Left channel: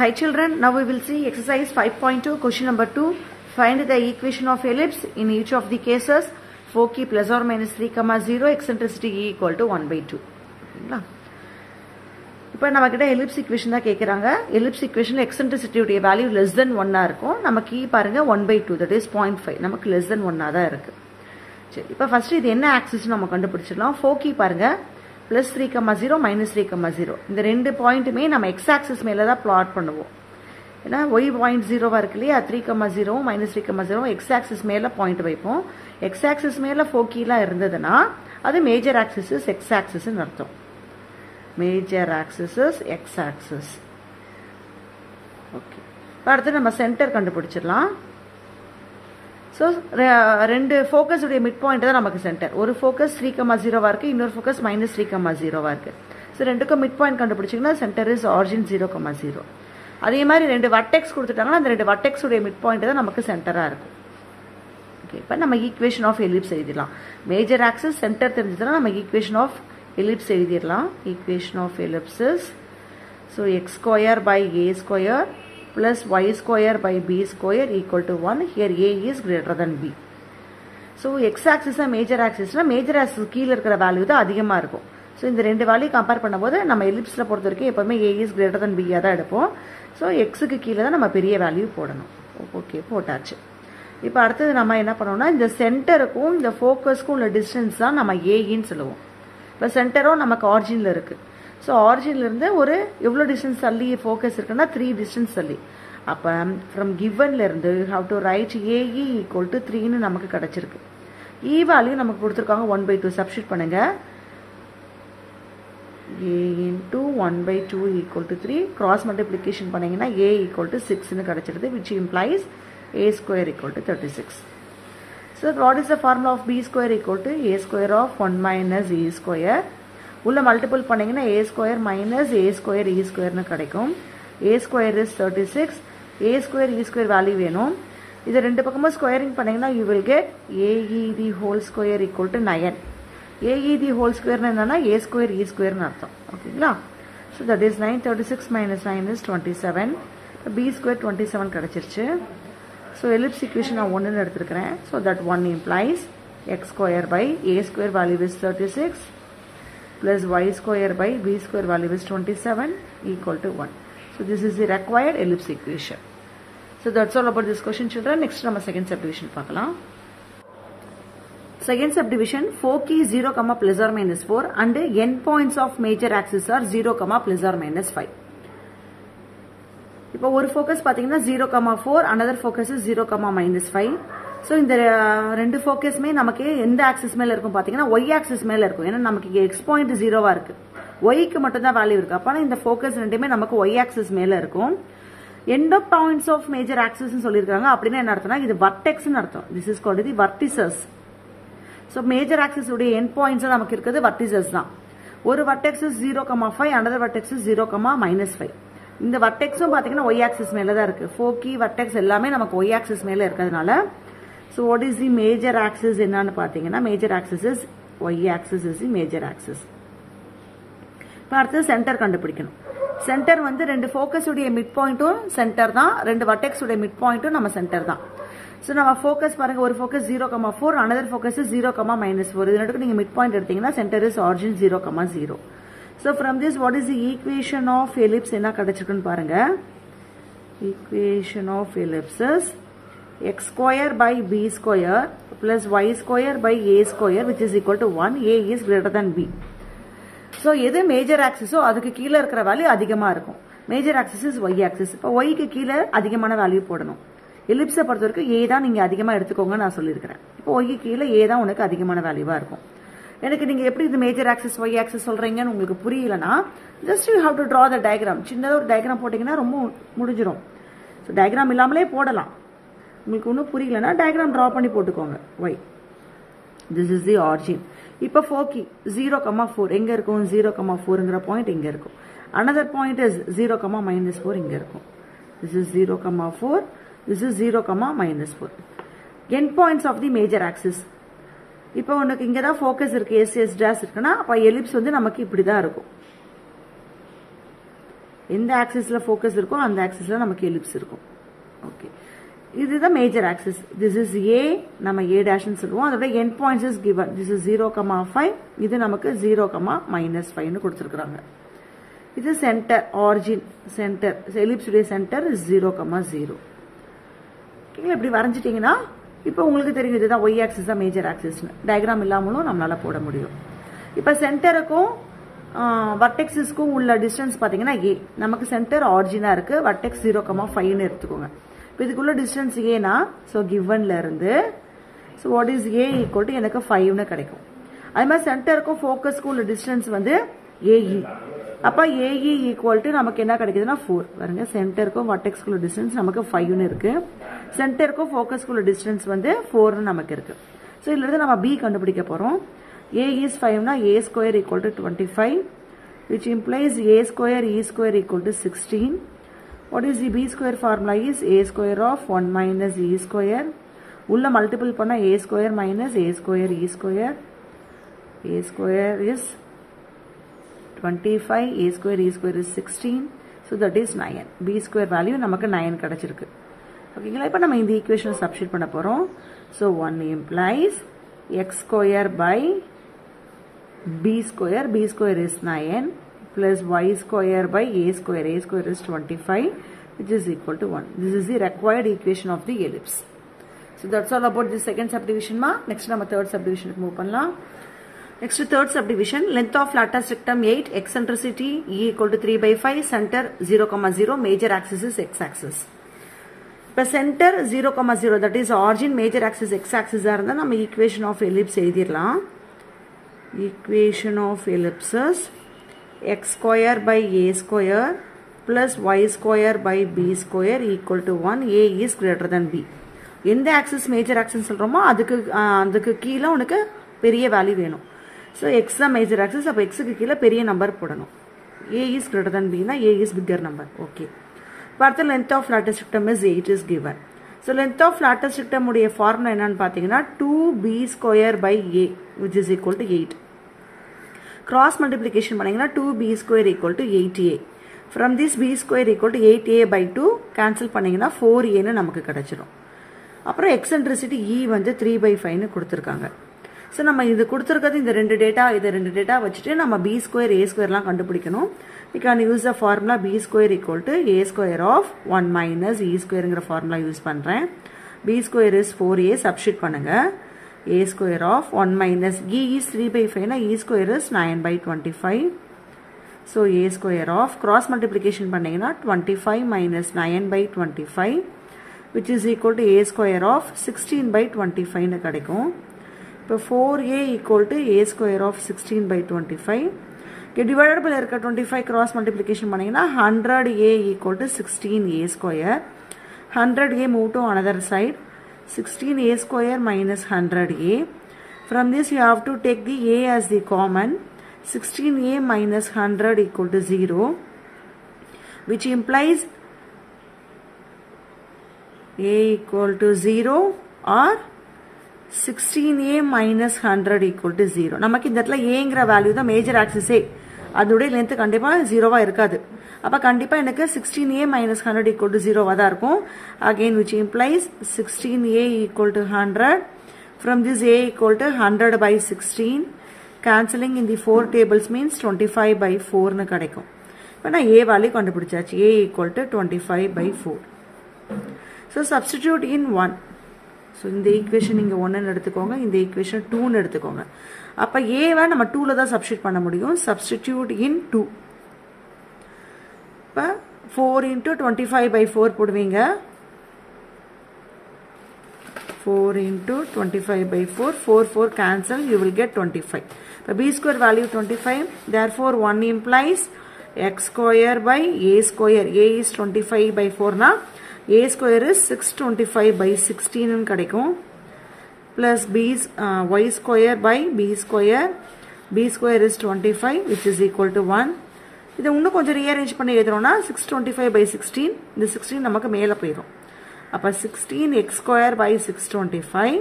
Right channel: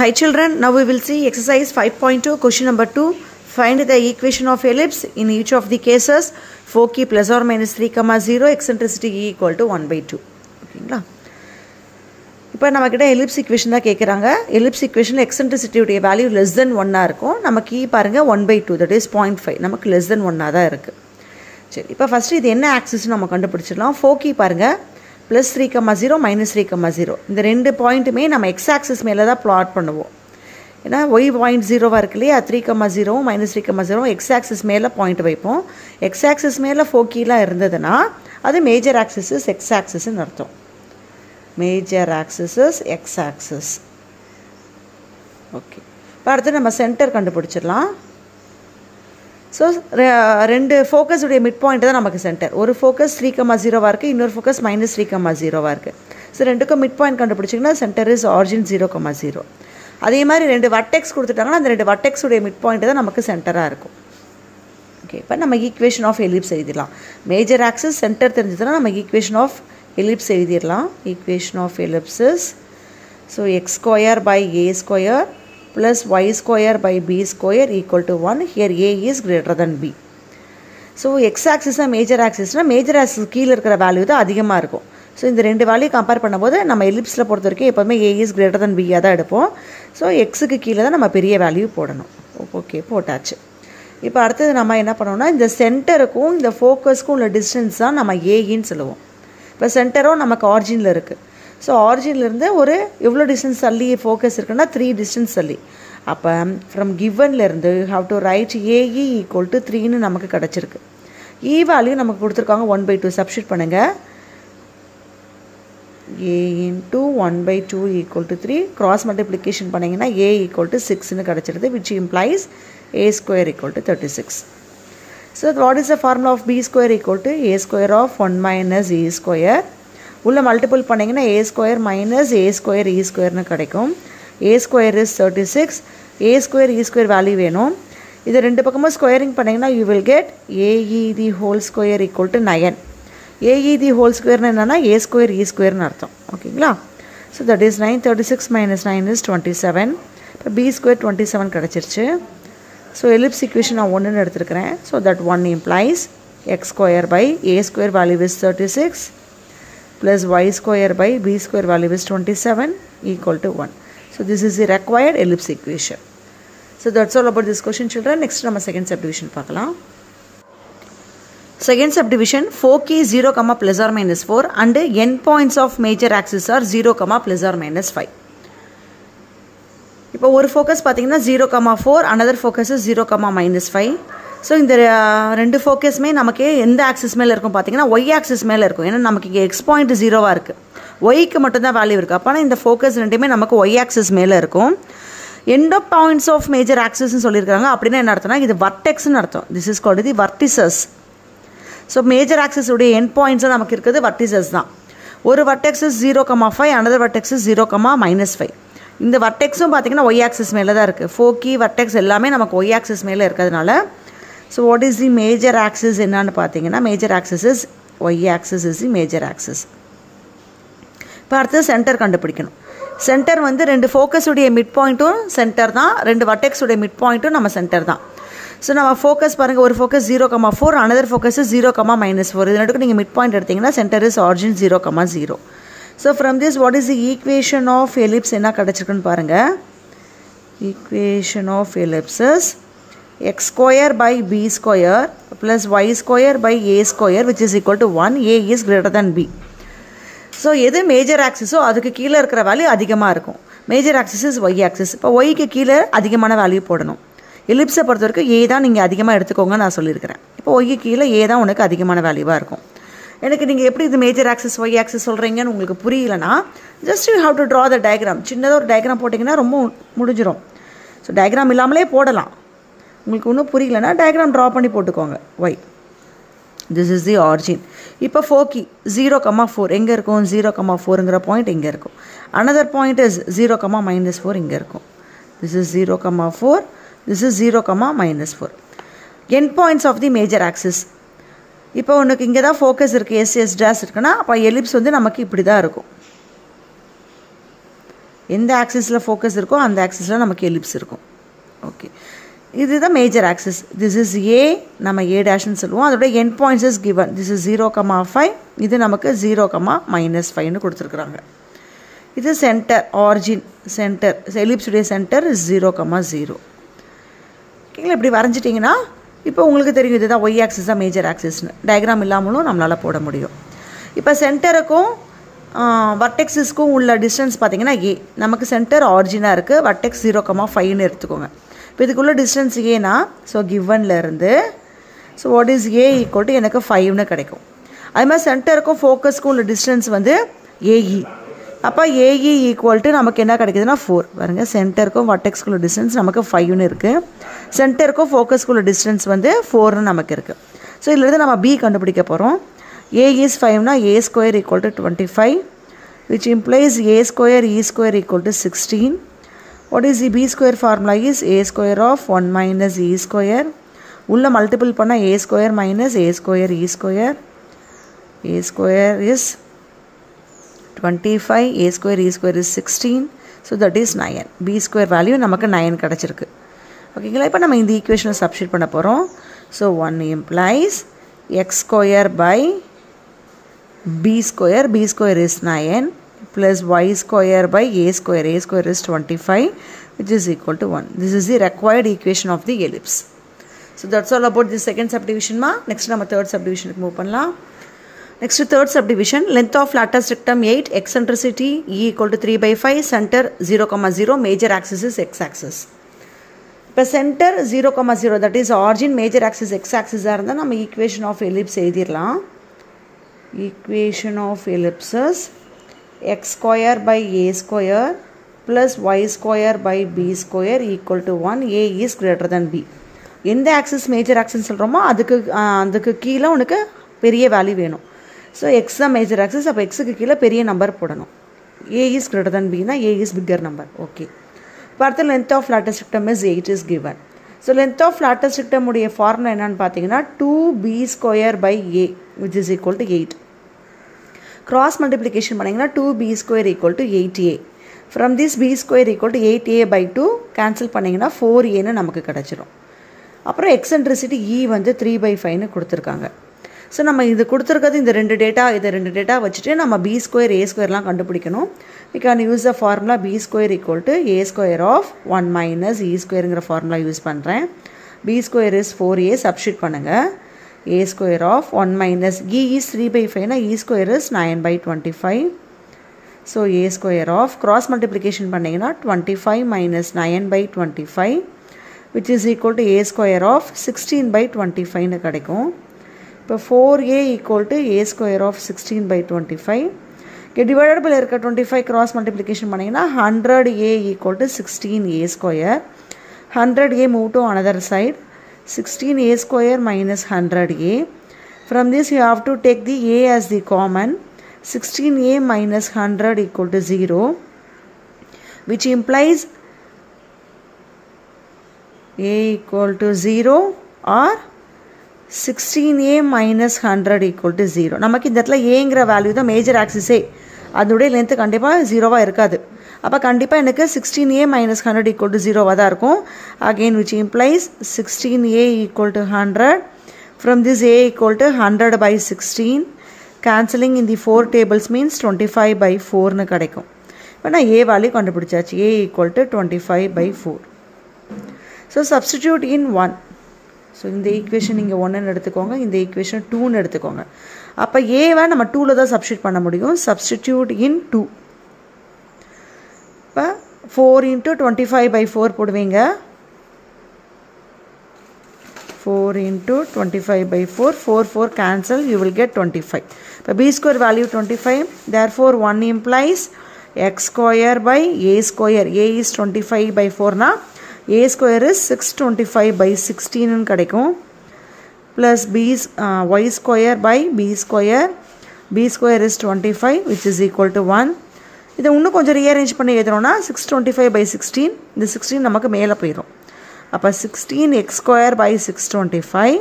Hi children, now we will see exercise 5.2 question number 2. Find the equation of ellipse in each of the cases. Foci plus or minus 3, 0, eccentricity E equal to 1 by 2. ஓகேங்களா? இப்போ நம்மக்கிட்ட ellipse equation தான் கேட்குறாங்க. Ellipse ஈக்குவேஷனில் எக்ஸென்ட்ரிசிட்டியுடைய value less than 1 இருக்கும். நமக்கு இ பாருங்கள் 1 by 2, that is 0.5. நமக்கு லெஸ் தென் 1 தான் இருக்குது. சரி, இப்போ ஃபஸ்ட்டு இது என்ன ஆக்சிஸ் நம்ம கண்டுபிடிச்சிடலாம். ஃபோக்கி பாருங்கள் ப்ளஸ் 3, 0 மைனஸ் 3, 0. இந்த ரெண்டு பாயிண்ட்டுமே நம்ம எக்ஸ் ஆக்சிஸ் மேலே தான் ப்ளாட் பண்ணுவோம். ஏன்னா ஒய் பாயிண்ட் 0வாக இருக்கு இல்லையா, 3, 0 மைனஸ் 3, 0 எக்ஸ் ஆக்சிஸ் மேலே பாயிண்ட் வைப்போம். எக்ஸ் ஆக்சிஸ் மேலே ஃபோக்கிலாம் இருந்ததுன்னா அது மேஜர் ஆக்சிஸ் எக்ஸ் ஆக்சிஸ்ன்னு அர்த்தம். Major axis X axis. Okay, இப்போ அடுத்து நம்ம சென்டர் கண்டுபிடிச்சிடலாம். ஸோ ரெண்டு ஃபோக்கஸுடைய மிட் பாயிண்ட் தான் நமக்கு சென்டர். ஒரு ஃபோக்கஸ் 3, 0வாக இருக்குது, இன்னொரு ஃபோக்கஸ் மைனஸ் 3, 0வாக இருக்குது. ஸோ ரெண்டுக்கும் மிட் பாயிண்ட் கண்டுபிடிச்சிங்கன்னா சென்டர் இஸ் ஆரிஜின் 0, 0. அதே மாதிரி ரெண்டு வர்டெக்ஸ் கொடுத்துட்டாங்கன்னா அந்த ரெண்டு வர்டெக்ஸுடைய மிட் பாயிண்ட் தான் நமக்கு சென்டராக இருக்கும். ஓகே, இப்போ நம்ம ஈக்குவேஷன் ஆஃப் எலிப்ஸ் எழுதிடலாம். மேஜர் ஆக்சிஸ் சென்டர் தெரிஞ்சதுன்னா நம்ம ஈக்குவேஷன் ஆஃப் எலிப்ஸ் எழுதிடலாம். Equation of ellipses, so x square by a square plus y square by b square equal to 1. Here a is greater than b. So x axis major axis major axis கீழே இருக்கிற value தான் அதிகமாக இருக்கும். So இந்த ரெண்டு value compare பண்ணும்போது நம்ம எலிப்ஸில் பொறுத்த வரைக்கும் எப்போவுமே a is greater than b தான் எடுப்போம். ஸோ எக்ஸுக்கு கீழே தான் நம்ம பெரிய வேல்யூ போடணும். ஓகே, போட்டாச்சு. இப்போ அடுத்தது நம்ம என்ன பண்ணோம்னா இந்த சென்டருக்கும் இந்த ஃபோக்கஸ்க்கும் உள்ள டிஸ்டன்ஸ் தான் நம்ம ஏன்னு சொல்லுவோம். இப்போ சென்டரும் நமக்கு ஆரிஜினில் இருக்குது. ஸோ ஆரிஜின்லேருந்து ஒரு எவ்வளோ டிஸ்டன்ஸ் தள்ளி ஃபோக்கஸ் இருக்குன்னா 3 டிஸ்டன்ஸ் தள்ளி. அப்போ ஃப்ரம் கிவன்லேருந்து you have to write a e equal to 3ன்னு நமக்கு கிடச்சிருக்கு. இ வேல்யூ நமக்கு கொடுத்துருக்காங்க 1 by 2. சப்ஸ்டியூட் பண்ணுங்கள். A into 1 by 2 equal to 3. Cross multiplication பண்ணிங்கன்னா ஏ ஈக்குவல் டு 6ன்னு கிடச்சிருது, which implies a square equal to 36. So what is the formula of b square equal to a square of 1 minus a square. உள்ள multiple பண்ணிங்கன்னா a square minus a square e ஸ்கொயர்னு கிடைக்கும். A square is 36. A square e square value வேணும். இது ரெண்டு பக்கமும் squaring பண்ணிங்கன்னா you will get a e the whole square equal to 9. A e the whole ஸ்கொயர்னு என்னென்னா ஏ ஸ்கொயர் இ ஸ்கொயர்னு அர்த்தம். ஓகேங்களா? So that is 9. 36 minus 9 is 27. இப்போ பி ஸ்கொயர் 27 கிடச்சிருச்சு. ஸோ எலிப்ஸ் ஈக்குவேஷன் நான் 1ன்னு எடுத்துருக்கிறேன். So that 1 implies x square by a square value is 36 plus y square by b square value is 27 equal to 1. So this is the required ellipse equation. So that's all about this question children. Next நம்ம second subdivision பார்க்கலாம். Second subdivision, foci 0, plus or minus 4 and end points of major axis are 0, plus or minus 5. இப்போ ஒரு focus பார்த்தீங்கன்னா 0, 4, another focus is 0, minus 5. So இந்த ரெண்டு ஃபோக்கஸுமே நமக்கு எந்த axis மேலே இருக்கும் பார்த்தீங்கன்னா ஒய் ஆக்சிஸ் மேலே இருக்கும். ஏன்னா நமக்கு இங்கே எக்ஸ் பாயிண்ட் 0வாக இருக்குது, ஒய்க்கு மட்டும்தான் வேல்யூ இருக்குது. அப்போனா இந்த ஃபோக்கஸ் ரெண்டுமே நமக்கு ஒய் ஆக்சிஸ் மேலே இருக்கும். End of points of major ஆக்சிஸ்ன்னு சொல்லியிருக்காங்க. அப்படின்னா என்ன அர்த்தம்னா இது வர்டெக்ஸ்ன்னு அர்த்தம். This is called the vertices. So major ஆக்சிஸுடைய எண்ட் பாயிண்ட்ஸாக நமக்கு இருக்கிறது வர்டிசஸ் தான். ஒரு வர்டெக்ஸஸ் 0, 5, அனதர் வர்டெக்ஸஸ் 0, minus 5. இந்த வர்டெக்ஸும் பார்த்தீங்கன்னா ஒய் ஆக்சிஸ் மேலே தான் இருக்குது. ஃபோக்கி வர்டெக்ஸ் எல்லாமே நமக்கு ஒய் ஆக்சிஸ் மேலே இருக்கிறதுனால. So what is the major axis என்னன்னு பார்த்தீங்கன்னா major axis is y axis is the major axis. இப்போ அடுத்து சென்டர் கண்டுபிடிக்கணும். சென்டர் வந்து ரெண்டு ஃபோக்கஸுடைய மிட் பாயிண்ட்டும் சென்டர் தான், ரெண்டு வர்டெக்ஸுடைய மிட் பாயிண்ட்டும் நம்ம சென்டர் தான். ஸோ நம்ம ஃபோக்கஸ் பாருங்கள், ஒரு ஃபோக்கஸ் 0, 4, அனதர் ஃபோக்கஸ் 0, minus 4. இது ரெண்டுக்கும் நீங்கள் மிட் பாயிண்ட் எடுத்தீங்கன்னா centre is origin 0, 0. So from this what is the equation of ellipse என்ன கிடச்சிருக்குன்னு பாருங்கள். Equation of ellipses x square by b square plus y square by a square which is equal to 1. a is greater than b. So எது major ஆக்சிஸோ அதுக்கு கீழே இருக்கிற value அதிகமாக இருக்கும். Major axis is y axis. இப்போ ஒய்க்கு கீழே அதிகமான வேல்யூ போடணும். எலிப்ஸை பொறுத்த வரைக்கும் ஏ தான் நீங்கள் அதிகமாக எடுத்துக்கோங்க நான் சொல்லியிருக்கிறேன். இப்போ ஒய்க்கு கீழே ஏ தான் உனக்கு அதிகமான வேல்யூவாக இருக்கும். எனக்கு நீங்கள் எப்படி இது மேஜர் ஆக்சிஸ் ஒய் ஆக்சிஸ் சொல்கிறீங்கன்னு உங்களுக்கு புரியலன்னா just you have to draw the diagram. சின்னதாக ஒரு டயக்ராம் போட்டிங்கன்னா ரொம்ப முடிஞ்சிடும். ஸோ டயக்ராம் இல்லாமலே போடலாம். உங்களுக்கு ஒன்றும் புரியலன்னா டயக்ராம் ட்ரா பண்ணி போட்டுக்கோங்க. Y this is the origin. இப்போ ஃபோக்கி 0, 4 எங்கே இருக்கும்? 0, 4ங்கிற பாயிண்ட் இங்கே இருக்கும். அனதர் பாயிண்ட் இஸ் 0, minus 4 இங்கே இருக்கும். This is 0, 4, this is 0, minus 4. End points of the major axis. இப்போ உனக்கு இங்கே தான் ஃபோக்கஸ் இருக்குது, எஸ் டேஷ் இருக்குன்னா அப்போ எலிப்ஸ் வந்து நமக்கு இப்படி தான் இருக்கும். எந்த ஆக்சிஸில் ஃபோக்கஸ் இருக்கோ அந்த ஆக்சிஸில் நமக்கு எலிப்ஸ் இருக்கும். ஓகே, இதுதான் major axis. This is a, நம்ம ஏ டேஷ்னு சொல்லுவோம். அதோட end points is given. This is 0,5, இது நமக்கு 0,-5ன்னு கொடுத்துருக்குறாங்க. இது சென்டர், ஆரிஜின் சென்டர், எலிப்ஸுடைய சென்டர் 0,0. ஓகேங்களா? இப்படி வரைஞ்சிட்டிங்கன்னா இப்போ உங்களுக்கு தெரியும் இதுதான் ஒய் ஆக்சிஸ் தான் மேஜர் ஆக்சிஸ்னு. டயக்ராம் இல்லாமலும் நம்மளால் போட முடியும். இப்போ சென்டருக்கும் வர்டெக்ஸஸ்க்கும் உள்ள டிஸ்டன்ஸ் பார்த்தீங்கன்னா ஏ. நமக்கு சென்டர் ஆரிஜினாக இருக்குது, வர்டெக்ஸ் 0,5ன்னு எடுத்துக்கோங்க. இப்போ இதுக்குள்ள டிஸ்டன்ஸ் ஏனா, ஸோ கிவன்லேருந்து so what is a equal to எனக்கு 5ன்னு கிடைக்கும். அது மாதிரி சென்டருக்கும் ஃபோக்கஸ்க்கும் உள்ள டிஸ்டன்ஸ் வந்து ஏஇ. அப்போ ஏஇ ஈக்குவல் டு நமக்கு என்ன கிடைக்குதுன்னா 4. பாருங்கள், சென்டருக்கும் வர்டெக்ஸ்க்குள்ள டிஸ்டன்ஸ் நமக்கு 5ன்னு இருக்குது, சென்டருக்கும் ஃபோக்கஸ்க்குள்ள டிஸ்டன்ஸ் வந்து 4ன்னு நமக்கு இருக்குது. ஸோ இதிலிருந்து நம்ம பி கண்டுபிடிக்க போகிறோம். A is 5 a square equal to 25, which implies a square e square equal to 16. What is the b square formula is a square of 1 minus e square. உள்ள multiple பண்ண a square minus a square e square. A square is 25, a square e square is 16. So that is 9. b square value நமக்கு 9 கிடைச்சிருக்கு. ஓகேங்களா? இப்போ நம்ம இந்த ஈக்குவேஷனை substitute பண்ண போகிறோம். So 1 implies x square by b square is 9 plus y square by a square is 25, which is equal to 1. This is the required equation of the ellipse. So that's all about the second subdivision ma. Next நம்ம third subdivision move பண்ணலாம். Next third subdivision, length of latus rectum 8, eccentricity e equal to 3/5, center 0,0, major axis is x axis. இப்போ center 0,0, that is origin, major axis x axis இருந்தா நம்ம equation of ellipse எழுதிரலாம். Equation of ellipses x square by a square plus y square by b square equal to 1. A is greater than b. எந்த axis major axis சொல்கிறோமோ அதுக்கு கீழே உனக்கு பெரிய value வேணும். So X தான் மேஜர் ஆக்சிஸ், அப்போ எக்ஸுக்கு கீழே பெரிய நம்பர் போடணும். A is greater than b னா A is bigger number. Okay, பார்த்து length of latus rectum is 8 is given. So length of latus rectum உடைய ஃபார்முலா என்னன்னு பார்த்தீங்கன்னா 2b square by a, which is equal to 8. Cross multiplication பண்ணிங்கன்னா 2b square equal to 8a. From this b square equal to 8a by 2 cancel பண்ணிங்கன்னா 4aன்னு நமக்கு கிடச்சிரும். அப்புறம் eccentricity e வந்து 3/5ன்னு கொடுத்துருக்காங்க. ஸோ நம்ம இது கொடுத்துருக்கிறது இந்த ரெண்டு டேட்டா வச்சுட்டு நம்ம b square a squareலாம் கண்டுபிடிக்கணும். We can use the formula b square equal to a square of 1 minus e squareங்கிற ஃபார்முலா யூஸ் பண்ணுறேன். b square is 4a, substitute பண்ணுங்கள். a square of 1 minus e is 3/5 na e square is 9/25. So a square of cross multiplication பண்ணீங்கன்னா 25 minus 9/25, which is equal to a square of 16/25 ன்னு கிடைக்கும். இப்போ 4a equal to a square of 16/25. divided by இருக்க 25 cross multiplication பண்ணீங்கன்னா 100a equal to 16a square. 100a move to another side. 16a square minus 100a. From this you have to take the a as the common. 16a minus 100 equal to 0, which implies a equal to 0 or 16a minus 100 equal to 0. நமக்கு இந்த இடத்துல aங்கிற value தான் major ஆக்சிஸே, அதனுடைய length கண்டிப்பாக 0வாக இருக்காது. அப்போ கண்டிப்பாக எனக்கு 16a minus 100 equal to 0வாக தான் இருக்கும். Again which implies 16a equal to 100. From this a equal to 100/16. Cancelling in the 4 tables means 25/4ன்னு கிடைக்கும். இப்போ நான் a வேல்யூ கண்டுபிடிச்சாச்சு. a equal to 25/4. So substitute in 1. So இந்த ஈக்குவேஷன் நீங்கள் 1ன்னு எடுத்துக்கோங்க, இந்த ஈக்குவேஷன் 2ன்னு எடுத்துக்கோங்க. அப்போ ஏவை நம்ம 2ல் தான் சப்ஸ்டியூட் பண்ண முடியும். சப்ஸ்டிடியூட் இன் 2. இப்போ 4 × 25/4 போடுவீங்க. 4 × 25/4, 4 cancel, you will get 25. The b square value 25, therefore 1 implies x square by a square. A is 25/4 na a square is 625/16 ன்னு கிடைக்கும். Plus y square by b square. b square is 25, which is equal to 1. இதை இன்னும் கொஞ்சம் rearrange பண்ணி எழுதுறோம்னா 625/16, இந்த 16 நமக்கு மேலே போயிடும். அப்போ 16x square by 625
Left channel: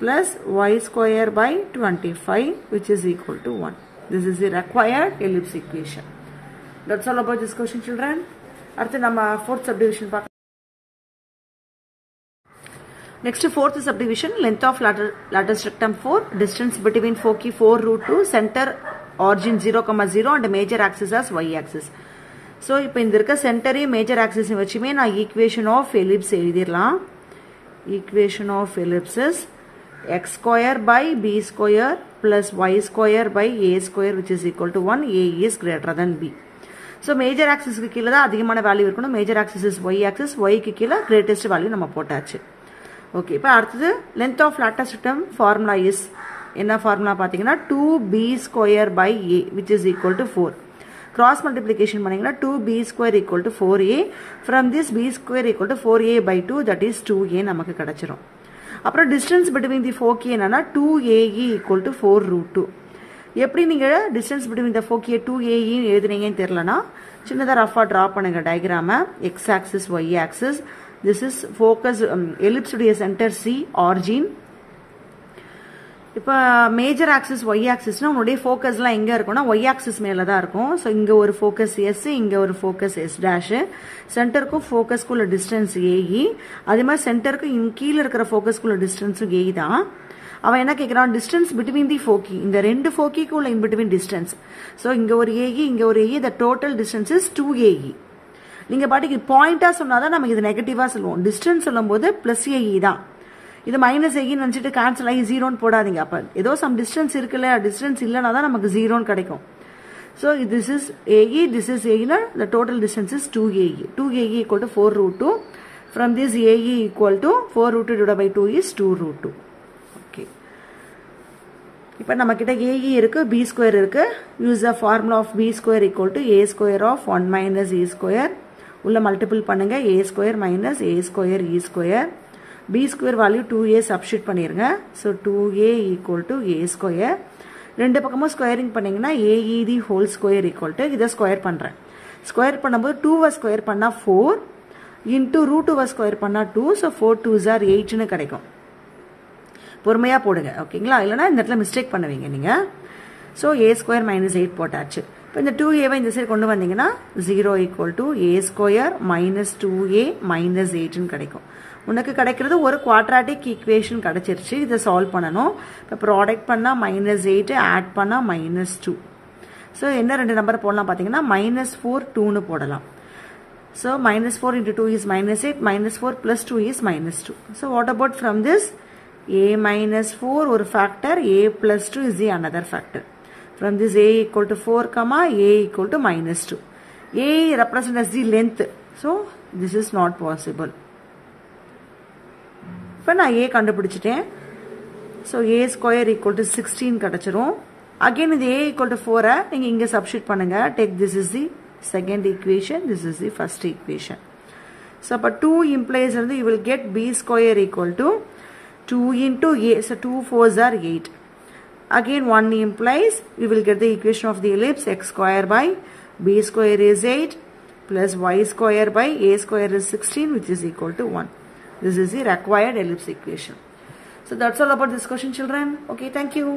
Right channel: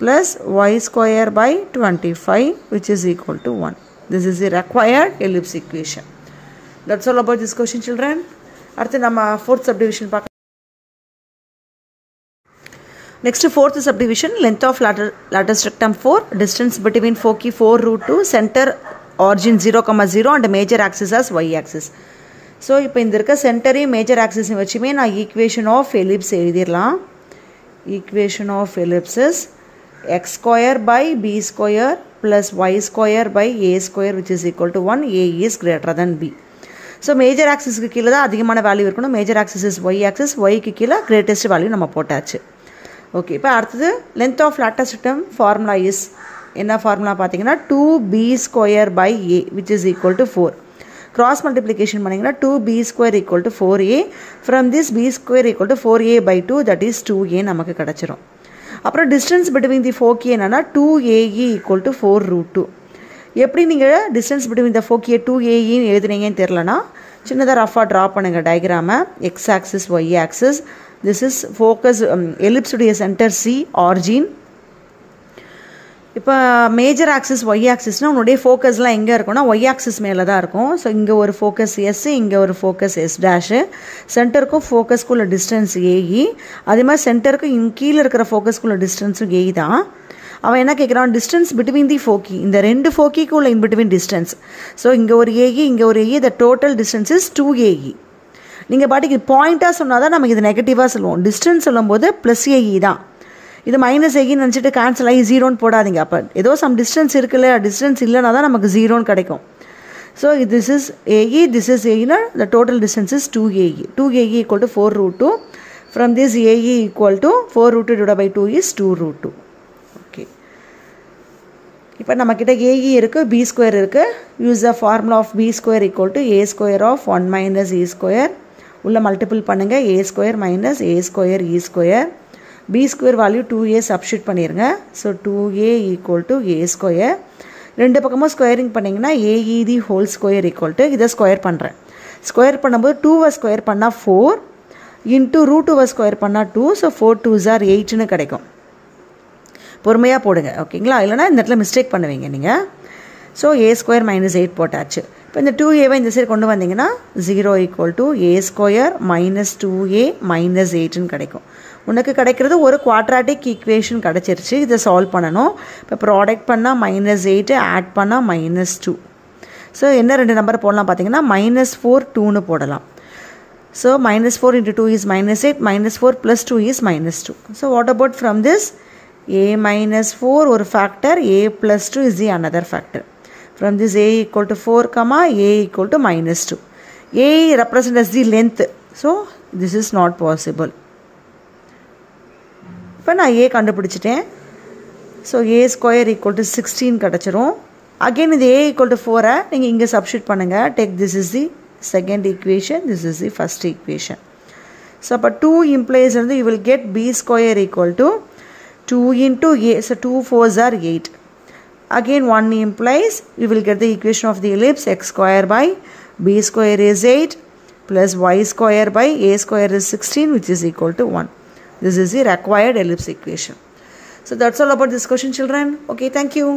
plus y square by 25, which is equal to 1. This is the required ellipse equation. That's all about this question, children. அடுத்து நம்ம fourth subdivision பார்க்கலாம். Next, fourth subdivision, length of lattice rectum 4, distance between foci 4 root 2, center origin 0, 0 and major axis as y axis. So, இப்போ இந்த இருக்க சென்டரையும் major ஆக்சிஸும் வச்சுமே நான் equation of ellipse எழுதிடலாம். Equation of ellipse is x square by b square plus y square by a square which is equal to 1, a is greater than b. So, major ஆக்சிஸ்க்கு கீழே தான் அதிகமான வேல்யூ இருக்கணும். Major axis is y axis, yக்கு கீழே greatest value நம்ம போட்டாச்சு. Okay, இப்போ அடுத்தது length of lattice rectum formula is என்ன ஃபார்முலா பார்த்தீங்கன்னா 2b square by a which is equal to 4. Cross multiplication பண்ணிங்கன்னா 2b square equal to 4a. From this b square equal to 4a by 2, that is 2a நமக்கு கிடைச்சிரும். அப்புறம் distance between the foci என்னன்னா 2ae equal to 4 root 2. எப்படி நீங்கள் distance between the foci 2ae எழுதுனீங்கன்னு தெரியலனா சின்னதாக ரஃபாக draw பண்ணுங்கள் டயக்ராமை. x axis y axis, this is focus ellipse உடைய சென்டர் c origin. இப்போ மேஜர் ஆக்சிஸ் ஒய் ஆக்சிஸ்னால் உன்னுடைய ஃபோக்கஸ்லாம் எங்கே இருக்கும்னா ஒய் ஆக்சிஸ் மேலே தான் இருக்கும். ஸோ இங்கே ஒரு ஃபோக்கஸ் எஸ், இங்கே ஒரு ஃபோக்கஸ் எஸ் டேஷு, சென்டருக்கும் ஃபோக்கஸ்க்குள்ள டிஸ்டன்ஸ் ஏஇ, அதே மாதிரி சென்டருக்கு கீழே இருக்கிற ஃபோக்கஸ்க்குள்ள டிஸ்டன்ஸும் ஏஇ தான். அவன் என்ன கேட்குறான், டிஸ்டன்ஸ் பிட்வீன் தி ஃபோக்கி, இந்த ரெண்டு ஃபோக்கிக்குள்ள இன் பிட்வீன் டிஸ்டன்ஸ். ஸோ இங்கே ஒரு ஏஇ, இங்கே ஒரு a e, the total distance is 2ae. நீங்கள் பாட்டுக்கு பாயிண்ட்டாக சொன்னால் தான் நமக்கு இது நெகட்டிவாக சொல்லுவோம். டிஸ்டன்ஸ் சொல்லும்போது ப்ளஸ் ஏஇ தான். இது மைனஸ் ஏன்னு நினச்சிட்டு கேன்சல் ஆகி ஜீரோன்னு போடாதீங்க. அப்போ ஏதோ சம் டிஸ்டன்ஸ் இருக்குல்ல, டிஸ்டன்ஸ் இல்லைனா தான் நமக்கு ஜீரோன்னு கிடைக்கும். So this is a e, this is ஏஇனா the total distance is 2ae. 2ae equal to 4 root 2. From this a e equal to 4 root 2 divided by 2 is 2 root 2. Okay, இப்போ நம்மக்கிட்ட ஏஇ இருக்குது, பி ஸ்கொயர் இருக்குது. Use the formula of b square equal to a square of 1 minus e square. உள்ள multiple பண்ணுங்கள், a square minus a square e square. b square value 2a substitute பண்ணிருங்க. So 2a equal to a square. ரெண்டு பக்கமும் squaring பண்ணிங்கன்னா ae the whole square equal to, இதை square பண்ணுறேன். Square பண்ணும்போது 2 square பண்ணால் 4 இன்ட்டு ரூட் 2 ஸ்கொயர் பண்ணால் 2. So 4 2s are 8ன்னு கிடைக்கும். பொறுமையாக போடுங்க, ஓகேங்களா? இல்லைனா இந்த இடத்துல மிஸ்டேக் பண்ணுவீங்க நீங்கள். ஸோ a ஸ்கொயர் மைனஸ் 8 போட்டாச்சு. இப்போ இந்த 2aவை இந்த சைடு கொண்டு வந்தீங்கன்னா 0 equal to a square minus 2a minus 8ன்னு கிடைக்கும். உனக்கு கிடைக்கிறது ஒரு குவாட்ராட்டிக் ஈக்குவேஷன் கிடச்சிருச்சு. இதை சால்வ் பண்ணணும். இப்போ ப்ராடக்ட் பண்ணால் -8, ஆட் பண்ணால் -2. ஸோ என்ன ரெண்டு நம்பர் போடலாம் பார்த்தீங்கன்னா -4 2ன்னு போடலாம். So -4 into 2 is -8, -4 plus 2 is -2. So what about from this a -4 ஒரு factor, a plus 2 is the another factor. From this a equal to 4, a equal to -2. a represents as the length. So this is not possible. இப்போ நான் ஏ கண்டுபிடிச்சிட்டேன். So A square equal to 16 கிடச்சிரும். Again இது ஏ equal to 4 நீங்கள் இங்கே substitute பண்ணுங்கள். Take this is the second equation, this is the first equation. So அப்போ 2 implies வந்து you will get b square equal to 2 into a. So 2 4s are 8. Again 1 implies we will get the equation of the ellipse x square by b square is 8 plus y square by a square is 16 which is equal to 1. This is the required ellipse equation. So that's all about this question, children. Okay, thank you.